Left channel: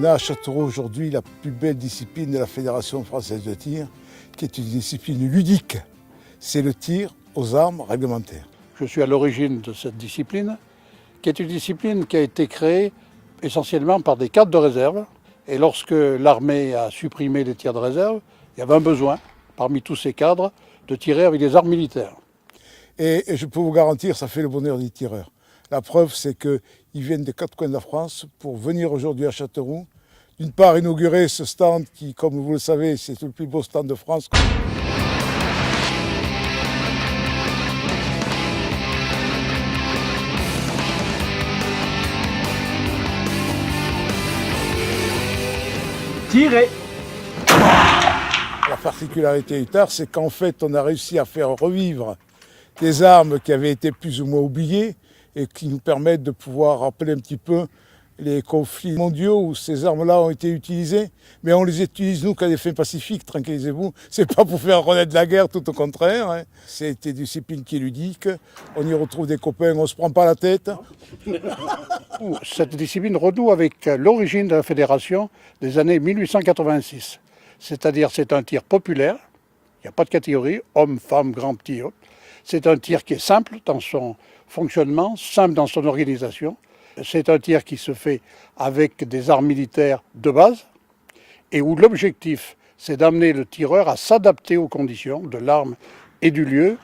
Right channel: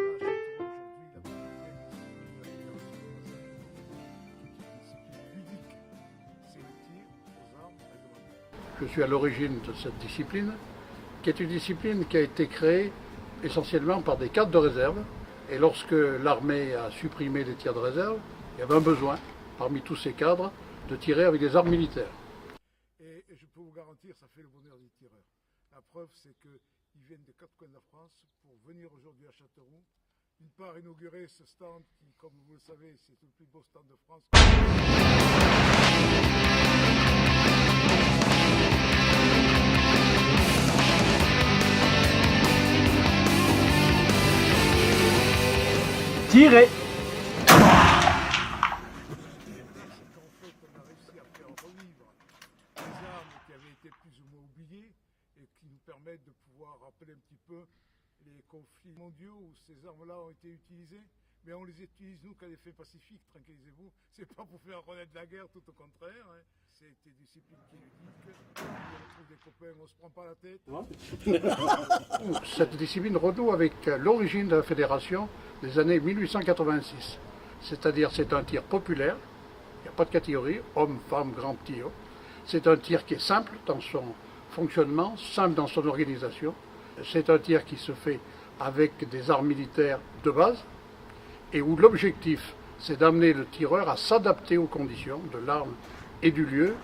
On a à Châteauroux aujourd'hui la plus belle discipline de la Fédération française de tir, qui est une discipline ludique. C'est le tir aux armes réglementaires. Je suis à l'origine de cette discipline, qui est une discipline qui a été créée essentiellement par des cadres de réserve. Et lorsque l'armée a supprimé les tirs de réserve, il y avait un besoin, parmi tous ces cadres, de tirer avec des armes militaires. Et je peux vous garantir, ça fait le bonheur des tireurs. La preuve, c'est qu'ils viennent des quatre coins de la France pour venir aujourd'hui à Châteauroux. D'une part, inaugurer ce stand qui, comme vous le savez, c'est le plus beau stand de France. Tirer. La particularité du tir, c'est qu'en fait, on a réussi à faire revivre des armes qui avaient été plus ou moins oubliées et qui nous permettent de pouvoir rappeler un petit peu les conflits mondiaux où ces armes-là ont été utilisées. Mais on les utilise, nous, qu'à des fins pacifiques, tranquillisez-vous. C'est pas pour faire renaître la guerre, tout au contraire. Hein. C'est une discipline qui est ludique. On y retrouve des copains, on se prend pas la tête. Cette discipline renoue avec l'origine de la fédération des années 1886. C'est-à-dire c'est un tir populaire, il n'y a pas de catégorie, homme, femme, grand, petit. C'est un tir qui est simple dans son fonctionnement, simple dans son organisation. C'est un tir qui se fait avec des armes militaires de base et où l'objectif, c'est d'amener le tireur à s'adapter aux conditions de l'arme et du lieu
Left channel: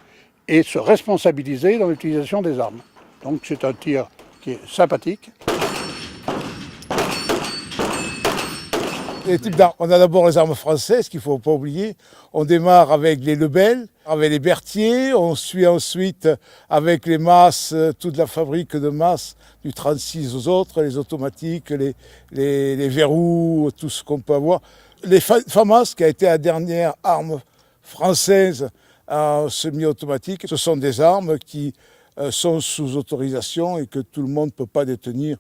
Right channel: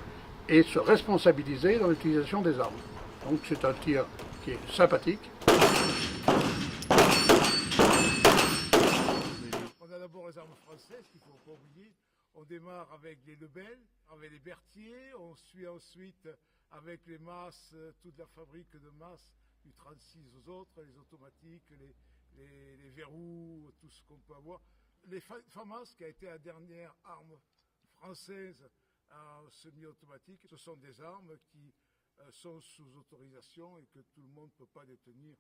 et se responsabiliser dans l'utilisation des armes. Donc c'est un tir qui est sympathique. Les types d'armes. On a d'abord les armes françaises qu'il ne faut pas oublier. On démarre avec les Lebel, avec les Berthier. On suit ensuite avec les masses, toute la fabrique de masses du 36 aux autres, les automatiques, les verrous, tout ce qu'on peut avoir. Les FAMAS, qui a été la dernière arme française semi-automatique, ce sont des armes qui sont sous autorisation et que tout le monde ne peut pas détenir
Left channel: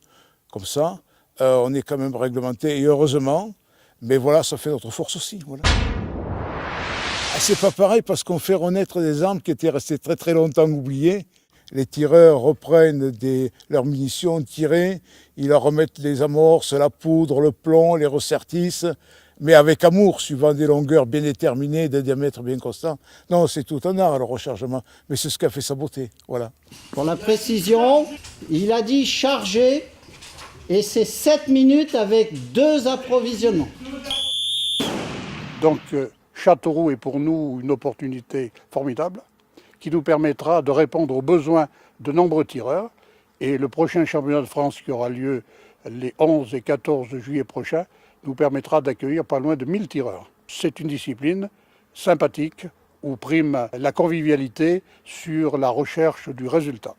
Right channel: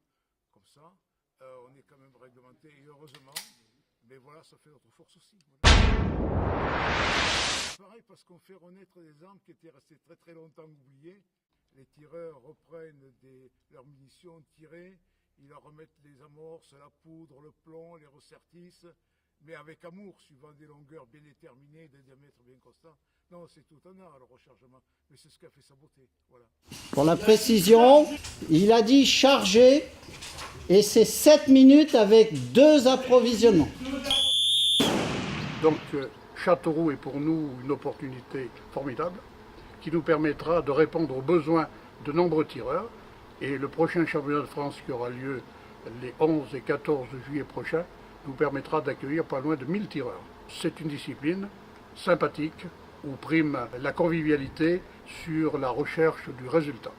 comme ça. On est quand même réglementé et heureusement. Mais voilà, ça fait notre force aussi. Voilà. C'est pas pareil parce qu'on fait renaître des armes qui étaient restées très très longtemps oubliées. Les tireurs reprennent leurs munitions tirées, ils leur remettent les amorces, la poudre, le plomb, les ressertissent, mais avec amour, suivant des longueurs bien déterminées, des diamètres bien constants. Non, c'est tout un art le rechargement, mais c'est ce qui a fait sa beauté. Voilà. Pour la précision, il a dit charger. Et c'est 7 minutes avec 2 approvisionnements. Donc Châteauroux est pour nous une opportunité formidable qui nous permettra de répondre aux besoins de nombreux tireurs. Et le prochain championnat de France qui aura lieu les 11 et 14 juillet prochains nous permettra d'accueillir pas loin de 1000 tireurs. C'est une discipline sympathique où prime la convivialité sur la recherche du résultat.